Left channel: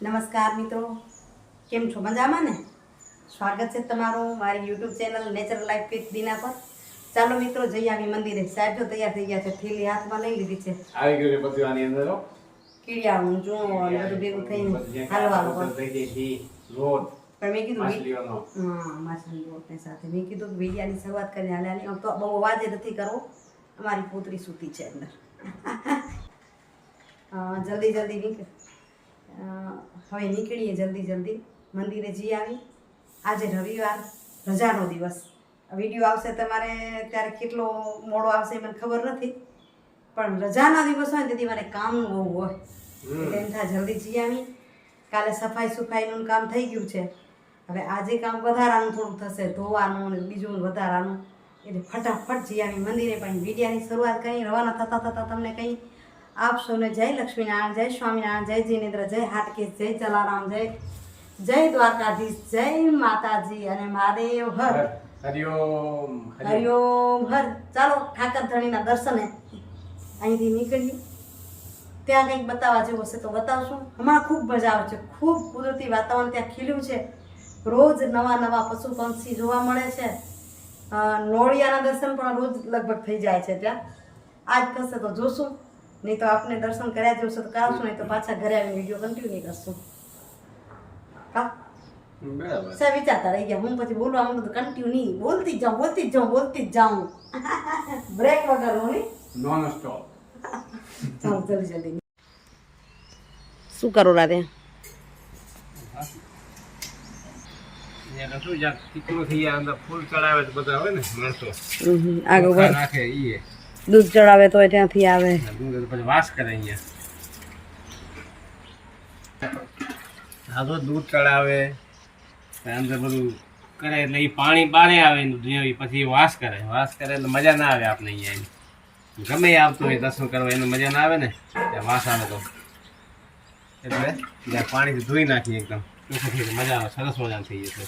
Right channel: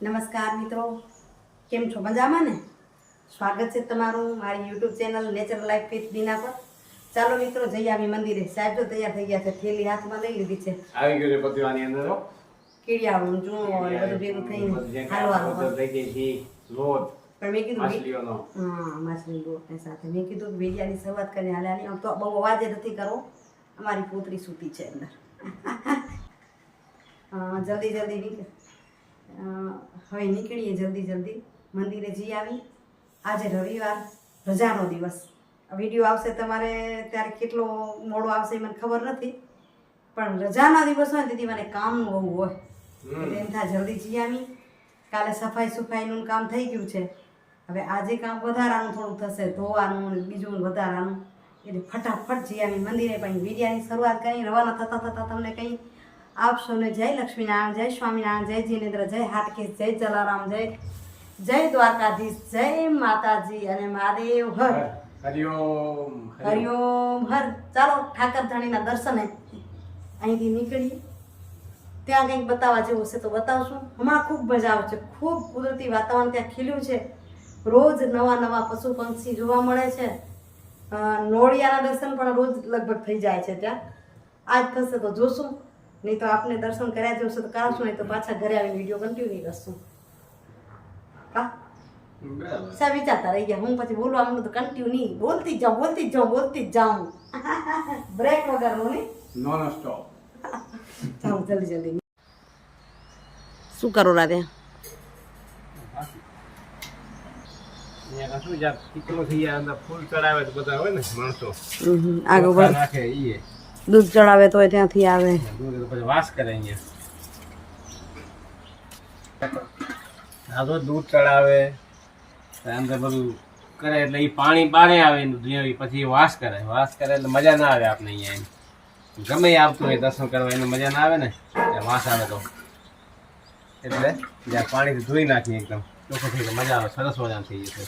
નમસ્કાર મિત્રો. કેમ છો? મજામાં ને? સ્વાગત છે તમારું મારી YouTube channel natural life with Dina પર. ચાલો મિત્રો જઈ આવી મંદિરે. સાહેબ જો તૈયાર થઈ ગયા છે. થેલી હાથમાં લઈ લીધી છે. આવી ગયું છે પતિવાની અંદર કીડિયા હું ચૂણો અને બધું ભેગું થઈને હાલો હાલો પણ મેં કીધું હા માછલી લોટને સાથે. મેં કીધું કે વિડિયાની શરૂઆત કરીને હાલે હાલી. તો બહુ અવાજ નથી કરો. અમારી પુત્રી સૂતી છે અંદર. જલ્દી જલ્દી નીકળ. હવે નીકળીએ જલ્દી જલ્દી. મંદિરે જઈ આવી. આજે રવિવાર રજાનો દિવસ. વીડિયો આવશે તમારે ત્યારે કેટલો મોડો આવશે મને ખબર નથી. પણ રજાના દિવસ હોય ને તેથી મારે કામનું બહુ હોય. એટલે એમ થાય જલ્દી જઈ આવી. કાલે સફાઈ સુફાઈનું કામ થઈ ગયું છે. હવે આજે કામ વધારાનું થોડું થશે ધોવાનું અને બીજું વધારાનું. એટલે ફટાફટ જઈ આવી મંદિરે પણ વિડિયાની શરૂઆત કરી. રવાના થતાં થતાં તમને કંઈ આપશો સૌને જય લક્ષ્મીનારાયણ જય સ્વામિનારાયણ જય જીનેન્દ્ર જય હાટકેશ જય જલારામ જય જય દ્વારકાધીશ જય માતાજી અને મહાદેવ હર. હરિઓમ. હરિઓમ. હર. ચાલો ઠાકર ધણીના દર્શને અહીંથી નીકળીએ. ત્યાં કંઈક બતાવવા જેવું હશે તો બતાવશું. હમણાં ખૂબ મજા આવે છે. ખૂબ કુદરતી વાતાવરણ ત્યાં ખીલ્યું છે. રોજ નવા નવા પશુ પંક્ષી જોવા મળે છે. નોળિયાના દર્શન પણ રોજ લગભગ થઈ જાય છે ત્યાં. આજ થશે તો જોશું. નહીં તો આપને દર્શન કર્યા જેવું છે તો કરાવશું નહીં તો પાછા ઘરે આવીને વીડિયો કન્ટિન્યુ કરશું. કા? બરાબર. સાહેબ વિચારતા રહી ગયા. હું પછી બોલવા માંડું તો કન્ટિન્યુ નહીં. બોલતી જ જાઉં બોલતી જ જાઉં બોલતી જ જાઉં. બ્રેક વગર હું નહીં. Non-stop. ચાલો જલ્દી જલ્દી. શું કરો રાતે અહીંયા શું જ્યાં ચીકણું થઈ જાય અંદર ફૂલ ચડાવે તો બધા હોય ને માણસો. આગળ ચોખા વધ- નાખે ઈ એ. દૂધ ચડાવે તો ત્યાંથી આવે. વાસ કરે અહીંયા દૂધ ચડાવે અંદર બધું કરે એટલે એ પાણી બારે આવે પછી વાસ કરે. વાસ કરે એટલે મજા ના આવે આપણે અહીંયા એમ. ગમે આવતું હોય દર્શન કરવા એને મજા ના આવે ને ત્યાં વાસ આવે તો. એટલે જ્યાં પાણી ધોઈ નાખીએ એકદમ ચોખ્ખું થઈ મજા આવે સરસ મજા થઈ જશે.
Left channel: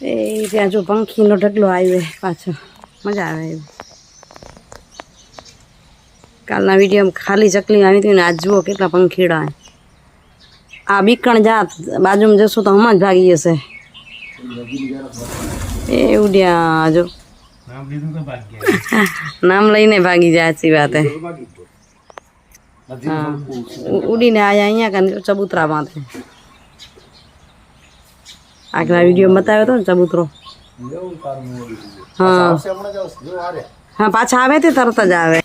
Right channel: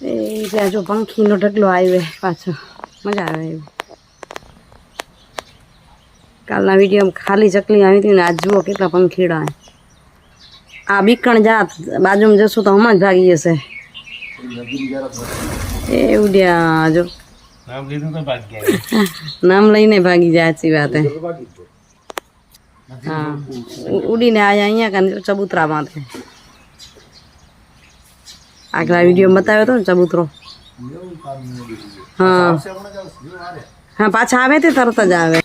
એ ત્યાં જો પંખીનો ઢગલો આવ્યો પાછો મજા આવે એવું. કાલના વિડીયોમાં ખાલી ચકલી આવી હતી ને આજ જુઓ કેટલા પંખીડા આ બીકણ જાત બાજુમાં જશું તો હમણાં જ ભાગી જશે. એ ઉડ્યા જો. નામ લીધું તો બાકી ગયા. નામ લઈને ભાગી જાય સાચી વાત હા. ઉડીને આયા અહીંયા કાંઈ ચબૂતરા માથે આગલા વીડિયો બતાવ્યો હતો ને ચબૂતરો. હા. હા પાછા આવે તે તરત જ આવે.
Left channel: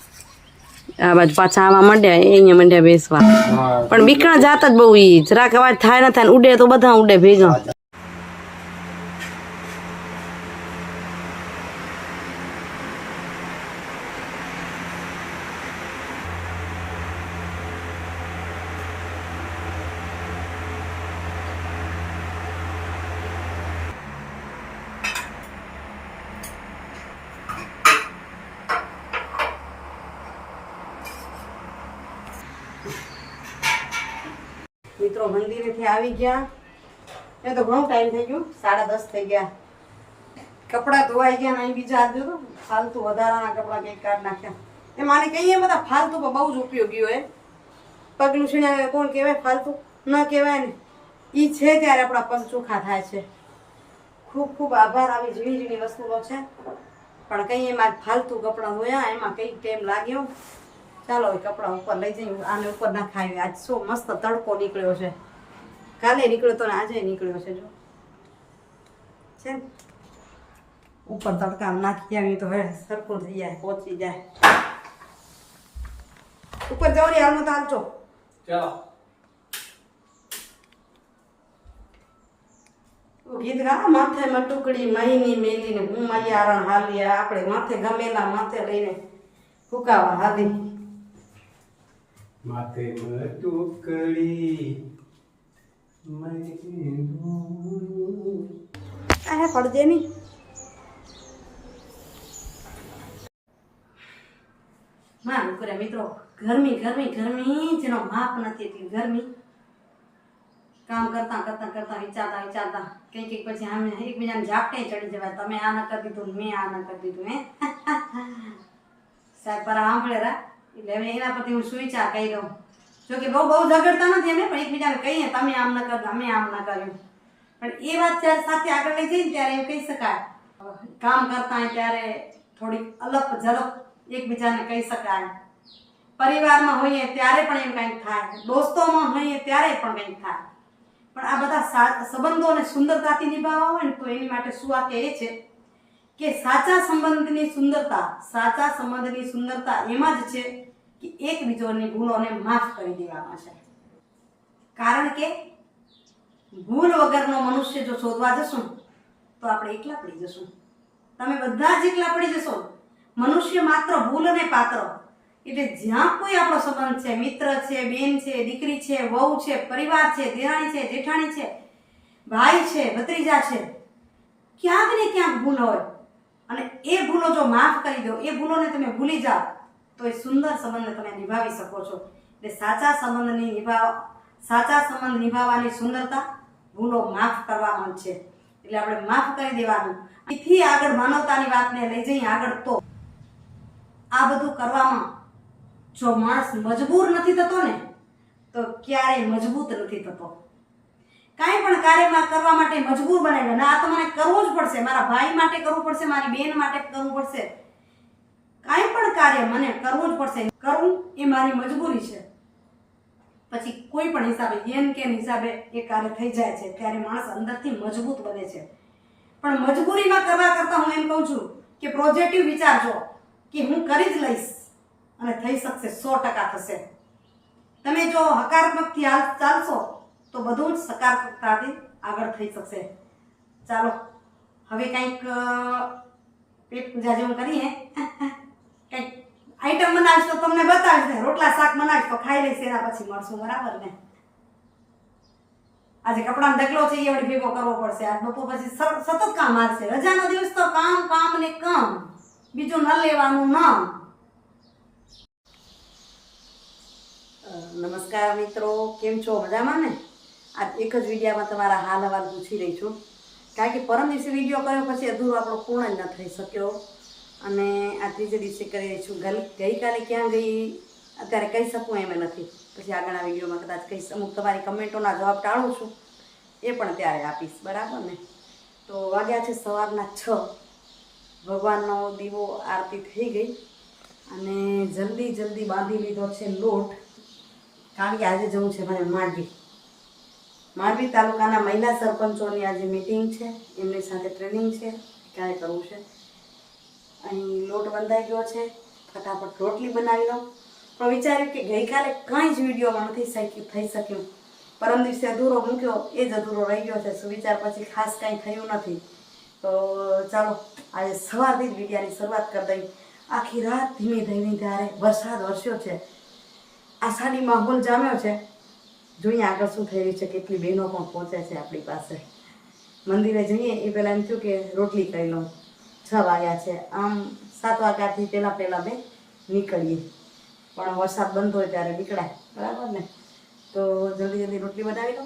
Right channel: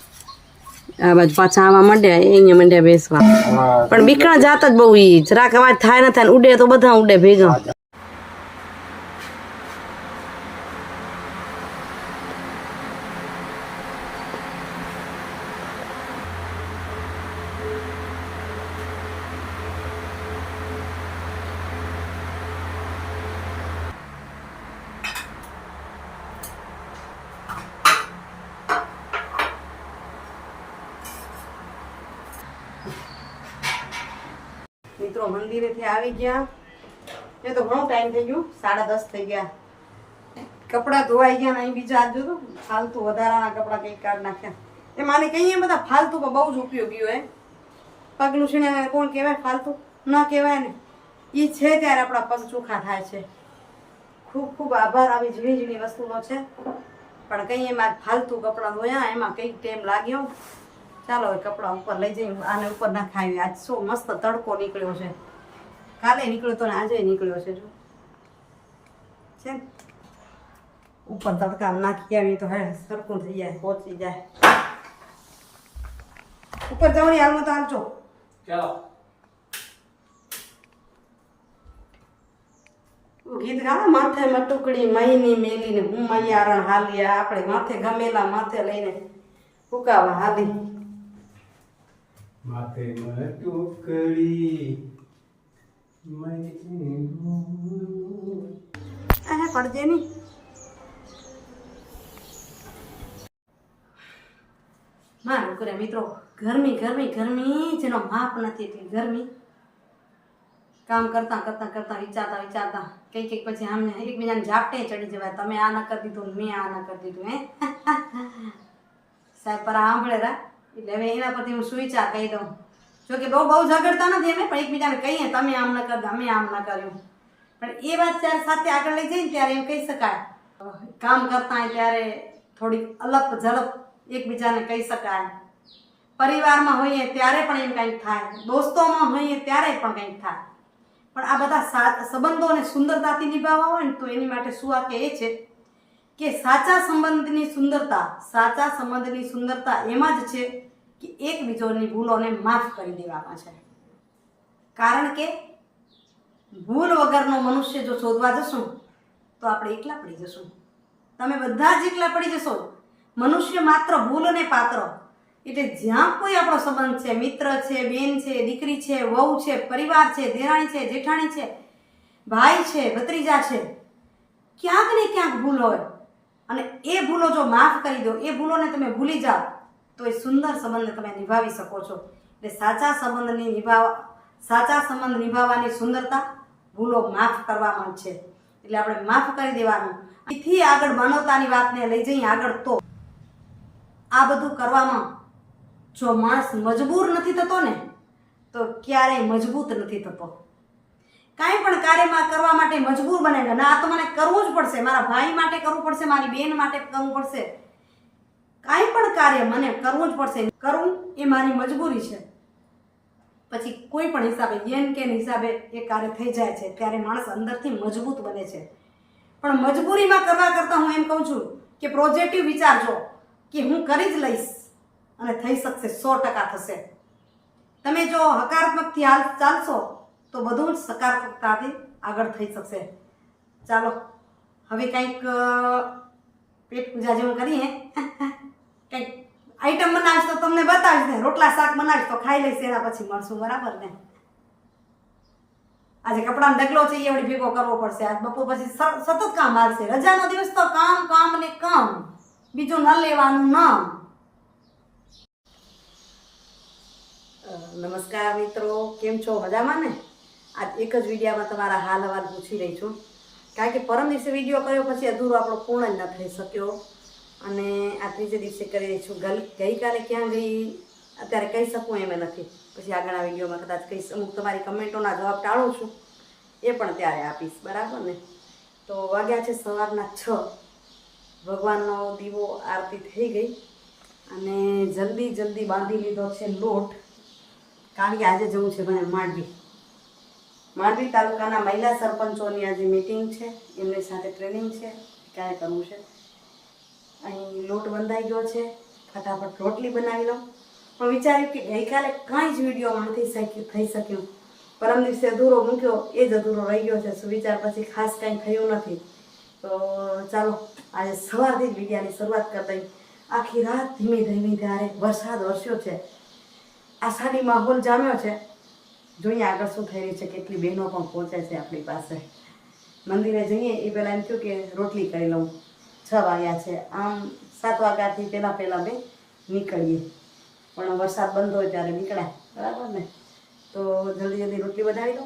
આ બાજુ પાછા આવા માંડ્યા અહીંયા માંડ્યા બેસવા. પણ બીકણા જાત જ બહુ ઈ જરાક અવાજ થાય ને થાય ને ઉડે તો બધા ઉડે ભેગા. મિત્રો મંદિરેથી આવી ગયા. એ તો ઘણો ટાઈમ થઈ ગયો. સાડા દસ થઈ ગયા. કપડાં ધોવાઈ ગયા ને અહીં બીજા હાથ જોતો ફાલતુ વધારાના કપડાં કંઈક કાઢ નાખ્યા. એ માને કહીએ બધા ફાલતુ પણ બહુ જ ઉપયોગી હોય. પગલું છીણ્યા કોણ કહેવાય? ફાલતુ. ન કહેવાય ને. એ છે ત્યારે આપણા પગ ચોખ્ખા થાય છે. ખૂબ ખૂબ આભાર. આવી ઝીણી ઝીણી વસ્તુઓ છે. પણ કંઈ એમાં ફાલતુ કપડાં ધોયા, એમાં કંઈક ટાઈમ લાગ્યો. ચાલો હવે કપડાં ઉપર લઈ જઈએ. આને ઉપર ના ખાવી આજ શો મસ્ત તડકો નીકળ્યો છે. કાલે નીકળ્યો તો ને આજે નીકળ્યો છે જો. છે ને? ઉપર તડકા નાખી આવી તો હવે સરખું થઈ જાય પહોંચી જાય. ઉપર જવાની હાલમાં તો હાલજો ચાલો. ગીત ગા માથે મટુકડી મહીની મેલીને હું મૈયારણ હાલી આપણે માથે ગમેલા માથે લઈને ફૂકાવા હાલી. માથે મટુકડી આ પડજે નહીં મારું કરે મિત્રો ગરમી ગરમી ગરમી જેનો માપ નથી એટલી ગરમી. કામ કરતા કરતા કરતા વિચારતા વિચારતા કંઈક કંઈક પછી આમને એકબીજાને ઝાપટે ચડી જવાય. તમે આ ન કરી દીધું ને મેં આ ન કરી દીધું હે? સાહેબ પર સાંભળે રા. એટલે હવે એના પરથી હું સુવિચાર કહી દઉં જો કે બહુ બહુ ઝઘડતા નથી અમે, પણ એકબીજાને કહીએ, તમે આમ ન કરતા, અમે આમ ન કર્યું. પણ એ વાત જ્યારે સાથે આગળ લઈ જઈએ ત્યારે એમ કહી શકાય. કામ કરતા હોય ત્યારે થોડી અલગ ઝલક એકબીજાને કહી શકાય. પરિવારમાં હોઈએ ત્યારે પણ એમ કંઈક થાય. દોસ્તોમાં હોઈએ ત્યારે પણ કંઈક થાય. પણ આ બધા સા- સંબંધોને સુંદરતાથી નિભાવવા હોય ને તો એની માટે શું આ કહે છે કે સાચા સંબંધની સુંદરતા, સાચા સંબંધની સુંદરતા એમાં જ છે કે એકબીજાની ભૂલોને માફ કરી દેવામાં છે. કારણ કે ભૂલ વગરનો મનુષ્ય જો શોધવા જશું, તો આપણે એકલા પડી જશું. તમે બધા જ એકલા પડી જશો. મનુષ્ય માત્ર ભૂલને પાત્ર. એટલે જ્યાં કોઈ આપણો સંબંધ છે, મિત્ર છે, બેન છે, દીકરી છે, વહુ છે, પરિવાર છે, દેરાણી છે, જેઠાણી છે, ભાઈ છે, ભત્રીજા છે, ક્યાંક ને ક્યાંક ભૂલ હોય. અને એ ભૂલો જો માફ કરી દો, એ ભૂલોને તમે ભૂલી જાઓ તો એ સુંદર સંબંધ તમે નિભાવી શકો છો. એટલે સાચા સંબંધની નિભાવવા સાચા સંબંધ નિભાવવાની સુંદરતા ભૂલો માફ કરવામાં છે. એટલે આપણે માફ કરી દેવાનું. એથી આગળ માનવતાની વાતને લઈ જઈએ આગળ તો આ બધું કરવામાં જો માણસ મજબૂર નથી થતો ને, તો ક્યારેય મજબૂત નથી થતો. કાંઈ પણ કાર્યમાં કરવા માટે મજબૂર બને. ના આ તો મને કરવું જ પડશે. મારા ભાઈ માટે કરવું પડશે, મારી બેન માટે કરવું પડશે. કાંઈ પણ કાર્ય મને કરવું જ પડશે કરવું એ મારી મજબૂરી છે. પછી કોઈ પણ હિસાબે, યેન કેન હિસાબે એ કાર્ય થઈ જાય છે, ત્યારે માણસ અંદરથી મજબૂત બને છે. પણ મજબૂરીમાં કરવા કરતાં હું એમ કહું છું કે પ્રોજેક્ટિવ વિચારજો કે હું કરી જ લઈશ અને થઈ શકશે, સો ટકા થશે. તમે જો હકારાત્મકથી હાલ ચાલશો, તો બધું જ સકારાત્મકતાથી આગળ થઈ શકશે. ચાલો, હવે કંઈક પેટ પૂજા જેવું કરીએ. આઈટમ બનાવીશ તો તમને બતાવીશ ને. રોટલા શાક બનાવીશ તો ખાઈ લઈશ એના પછી મળશું, બરાબર ને? આજે કપડાનો ડગલો છે એ વળી ભેગો કરવો પડશે. આજ બપોર પછી સતત કામ આવશે. રજાનો દિવસ તો કામ કામ ને કામ. બીજું ન લેવાનું, ન. નમસ્કાર મિત્રો. કેમ છો? મજામાં ને? આજ એક જ વિડીયામાં તમારા હાલ હવાલ પૂછી રહી છું. કારણ કે પરમ દિવસે વીડિયો કર્યો, પછી અધૂરો આપણો પૂર્ણ જ ન થઈ શક્યો. અને આ ત્રીજે દિવસે કરી રહી છું. ગઈકાલે ક્યાં ગઈ? અત્યારે કહી શકું એમ નથી. પછી આગળના વિડીયોમાં કદાચ કહીશ. અમુક તમારી કમેન્ટોના જવાબ ટાળું છું. એ પણ ત્યારે આપીશ. બરાબર ને? તો વાગ્યા છે સવારના છ. ભગવાનનો દીવો આરતી થઈ ગઈ અને જલ્દી જલ્દી બાંધી લીધો છે લોટ. કારણ કે આજે જવું છે મને માંડવી. માંડવી તાલુકાના મહિલા સરપંચોની આજે મિટિંગ છે. એમની સાથે ટ્રેનિંગ છે. ક્યારે કરવું છે? અહીં લોટ બંધાઈ ગયો છે. ફટાફટ રોટલી બનાવી લઉં. પણ વિચાર્યું કે ગઈકાલે કાંઈ જ વિડીયોમાં નથી શકી થઈ શક્યું. પરમ દિવસે અધૂરો મૂક્યો. એ જ અધૂરો રહી ગયો છે. સુવિચાર પછી ખાસ કાંઈ થયું નથી. તો ચાલો, આજે સવારથી જ વિડીયાની શરૂઆત કરી દઈ. આખી રાત ધીમી ધીમી ધારે વરસાદ વરસ્યો છે. આષાઢી માહોલ જામ્યો છે. જોઈએ આગળ શું થઈ રહ્યું છે. કેટલી બહેનો પણ પહોંચે છે આપણી પાસે. મંદિરે જઈએ એ પહેલાં એમ થયું કે રોટલી કરી લઉં. છ વાગ્યા છે. આમ સાત વાગ્યાથી પહેલાં પહેલાં બે નીકળીએ. પણ વરસાદ બંધ હોય ત્યારે નીકળાય. બરાબર ને? તો જલ્દી જલ્દી રોટલી બનાવી લો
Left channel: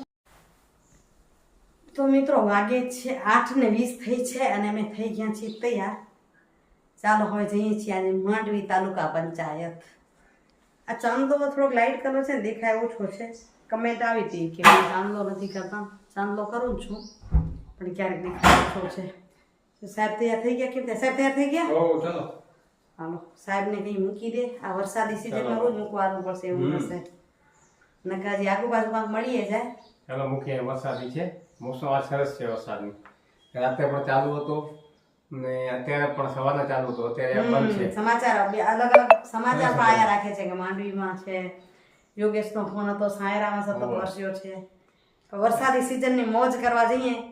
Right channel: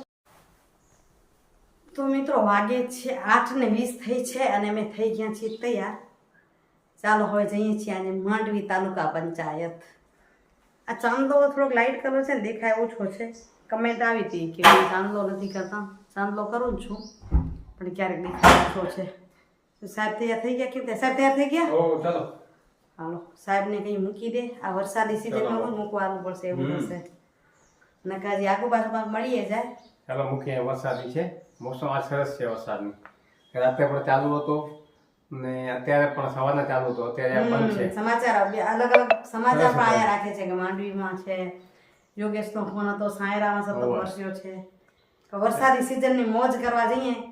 તો મિત્રો, વાગે છે આઠ ને વીસ થઈ છે અને અમે થઈ ગયા છીએ તૈયાર. ચાલો હવે જઈએ છીએ આજે માંડવી તાલુકા પંચાયત. આ ચાંદલો થોડોક લાઇટ કલર છે ને, દેખાય ઓછો છે. કમેન્ટ આવી હતી કે હું ચાંદલો નથી કરતા. ચાંદલો કરું છું, પણ ક્યારેક દેખાય ઓછો છે. સાહેબ તૈયાર થઈ ગયા કેમ કે? સાહેબ તૈયાર થઈ ગયા? ઓ ચાલો. હાલો સાહેબને કંઈ મૂકી દે. આ વરસાદી સિઝનમાં રોજ મૂકવાનું પડશે એવું હશે. નકાજી આજુબાજુ કાંક મળીએ જાય. ચાલો મૂકીએ વરસાદી છે. મોસમ આ સરસ છે વરસાદની. રાતે પણ ચાલુ હતો ને અત્યારે પણ સવારના ચાલુ હતો. અત્યારે બંધ છે. સમાચાર અલગ અલગ સમાચાર પણ આયા રાખે છે કે માંડવીમાં છે યોગેશનો ફોન હતો સાયરામાં સતત. વરસ્યો છે. તો વરસાદી સિઝનની મોજ કરવા જઈએ.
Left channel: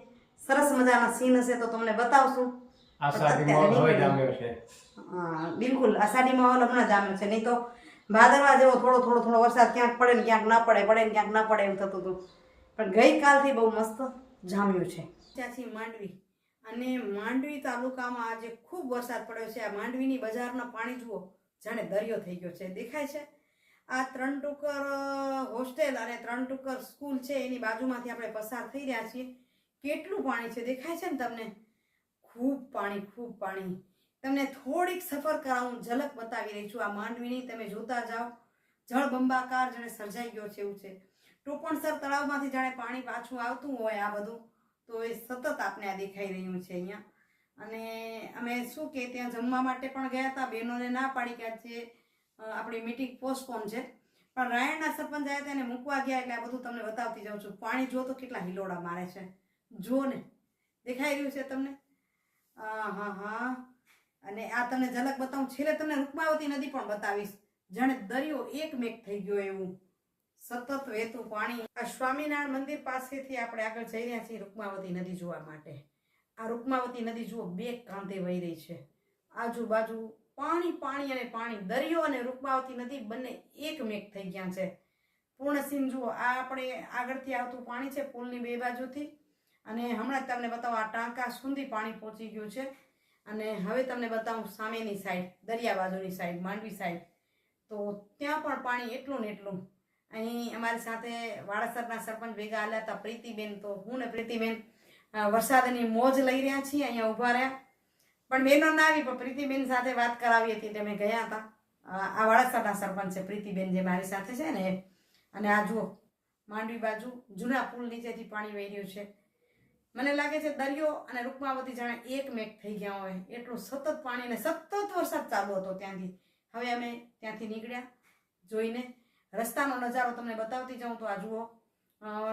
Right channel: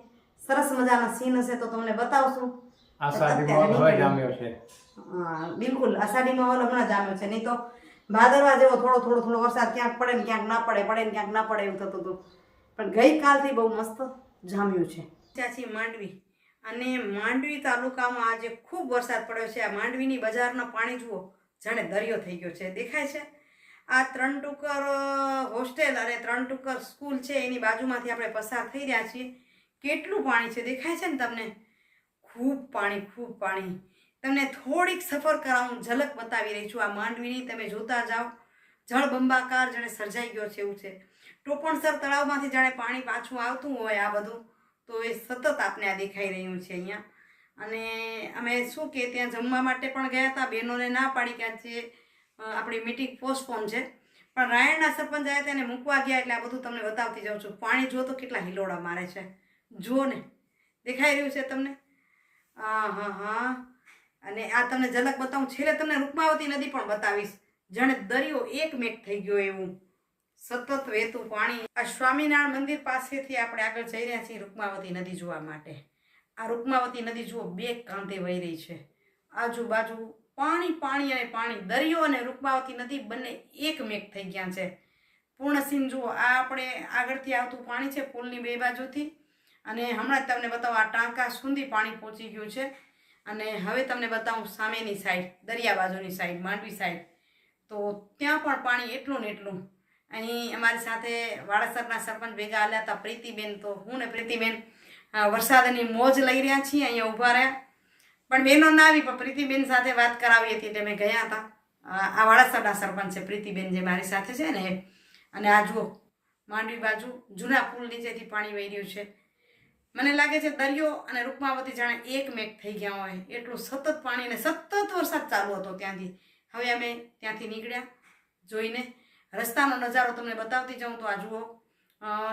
સરસ મજાના સીન હશે તો તમને બતાવશું. બિલકુલ. આષાઢી માહોલ હમણાં જામ્યો છે. નહીં તો ભાદરવા જેવો થોડો થોડો થોડો વરસાદ ક્યાંક પડે ને ક્યાંક ના પડે પડે ને ક્યાંક ના પડે એવું થતું હતું. પણ ગઈકાલથી બહુ મસ્ત જામ્યું છે. ચાચી માંડવી. અને માંડવી તાલુકામાં આજે ખૂબ વરસાદ પડ્યો છે. આ માંડવીની બજારના પાણી જુઓ જાણે દરિયો થઈ ગયો છે. દેખાય છે? આ ત્રણ ટુકર હોસ્ટેલ અને ત્રણ ટુકર સ્કૂલ છે. એની બાજુમાંથી આપણે પસાર થઈ રહ્યા છીએ. કેટલું પાણી છે? દેખાય છે ને તમને? ખૂબ પાણી ખૂબ પાણી. તમને થોડીક સફર કરાવું ઝલક બતાવી રહી છું આ માંડવીની. તમે જોતા જાઓ. જળબંબાકાર જાણે સર્જાઈ ગયો છે એવું છે. ટોપણસર તળાવમાંથી જાણે પાણી પાછું આવતું હોય આ બધું. તો એ સતત આપને આ દેખાઈ રહ્યું છે અહીંયા. અને અમે શું કે, ત્યાં જમવા માટે પણ ગયા હતા. બહેનોને ના પાડી કે આજે આપણી મીટિંગ પોસ્ટપોન છે. પણ રાયણના સરપંચ આવ્યા તેને મૂકવા ગયા. એટલે આ બધું તમને બતાવતી જાઉં છું. પાણી જો તો કેટલા હિલોડા મારે છે. જુઓ ને, દેખાઈ રહ્યું છે તમને? હા હા હા. અને આ તમને ઝલક બતાવું. છેલ્લે તમને રૂકમાવતી નદી પણ બતાવીશ. જાણે દરિયો એક મેક થઈ ગયો એવું. સતત વહેતું પાણી. આ સ્વામિનારાયણ મંદિર પાસેથી આપણે આગળ જઈ રહ્યા છીએ રૂકમાવતી નદી જોવા માટે. આ રૂકમાવતી નદી જુઓ, બે કાંધે વહી રહી છે. આજુબાજુ પાણી પાણી અને પાણી. દરિયો અને રૂકમાવતી નદી બંને એક મેક થઈ ગયા છે. પૂર્ણ સીન જુઓ, આ આપણે આગળથી આવતું પાણી છે પુલની બે બાજુથી. અને હમણાં જ તમને બતાવો, આ ટાંકા સુધી પાણી પહોંચી ગયું છે. અને હવે તમને બતાવું સામેની સાઈડ દરિયા બાજુની સાઈડ માંડવી સાઈડ તો ત્યાં પણ પાણી એટલું ને એટલું. અહીં અમારી સાથે વાડાસરના સરપંચ ભેગા આવ્યા હતા, પ્રીતિબેન તો હું ને પ્રીતિબેન. વરસાદની મોજ લઈ રહ્યા છીએ, અહીંયા ઊભા રહ્યા. પણ બહેનો ના આવી, પણ પ્રીતિબેન સાથે વાત કરાવી હતી એટલે મેં ગયા હતા. આ વાડાસરના સરપંચ છે, પ્રીતિબેન જે મારી સાથે છે ને અને આ જુઓ, માંડવી બાજુ જૂના પુલ નીચેથી પાણી વહી રહ્યું છે. મને લાગે છે દરિયો અને રૂકમાવતી જાણે એક મેક થઈ ગયા હોય. એટલું સતત પાણીને સતત વરસાદ ચાલુ હતો ત્યાંથી. હવે અમે ત્યાંથી નીકળ્યા જોઈને. રસ્તાનો નજારો તમને બતાવતી જાઉં તો આ જુઓ.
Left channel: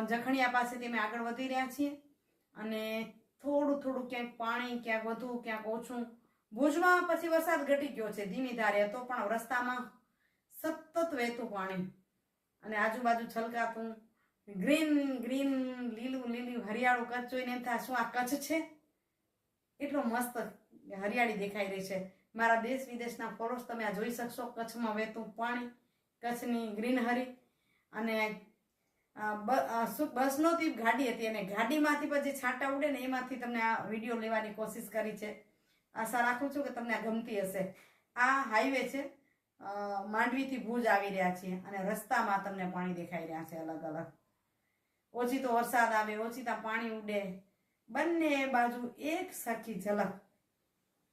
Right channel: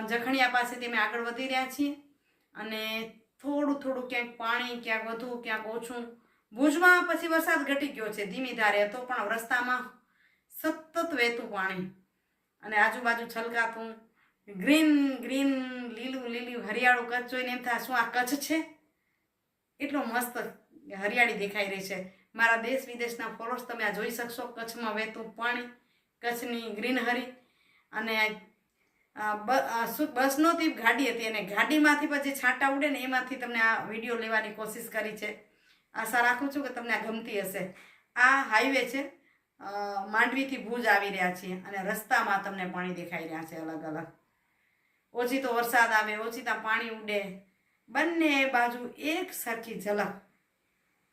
જખણિયા પાસેથી અમે આગળ વધી રહ્યા છીએ અને થોડું થોડું ક્યાંક પાણી, ક્યાંક વધુ, ક્યાંક ઓછું. ભુજમાં પછી વરસાદ ઘટી ગયો છે ધીમી ધારે હતો પણ રસ્તામાં સતત વહેતું પાણી. અને આજુબાજુ છલકાતું ગ્રીન ગ્રીન, લીલું લીલું હરિયાળું કચ્છ જોઈને એમ થાય. શું આ કચ્છ છે? એટલો મસ્ત હરિયાળી દેખાઈ રહી છે. મારા દેશ વિદેશના ફોલોર્સ તમે આ જોઈ શકશો. કચ્છમાં વહેતું પાણી, કચ્છની ગ્રીનહરી અને બસ નહોતી ગાડી હતી અને ગાડીમાંથી પછી છાંટા ઉડે ને એમાંથી તમને આ વીડિયો લેવાની કોશિશ કરી છે. આશા રાખું છું કે તમને આ ગમતી હશે. આ હાઈવે છે. માંડવીથી ભુજ આવી રહ્યા છીએ અને રસ્તામાં તમને પાણી દેખાઈ રહ્યા છે અલગ અલગ ઓછી તો વરસાદ આવે, ઓછી તો પાણી ઉડે. બંને બાજુ એક સરખી ઝલક.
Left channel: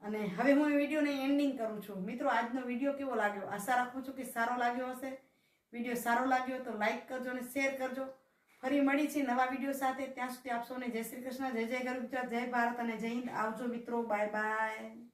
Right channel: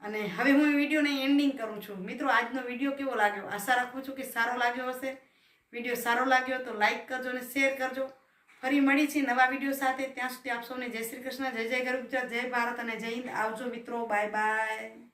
અને હવે હું વિડીયોને એન્ડિંગ કરું છું. મિત્રો, આજનો વીડિયો કેવો લાગ્યો? આશા રાખું છું કે સારો લાગ્યો હશે. વીડિયો સારો લાગ્યો તો લાઈક કરજો અને શેર કરજો. ફરી મળી છે નવા વીડિયો સાથે. ત્યાં સુધી આપ સૌને જય શ્રી કૃષ્ણ, જય જય ગરુ ગુજરાત જય ભારત અને જય હિન્દ. આવજો મિત્રો. Bye bye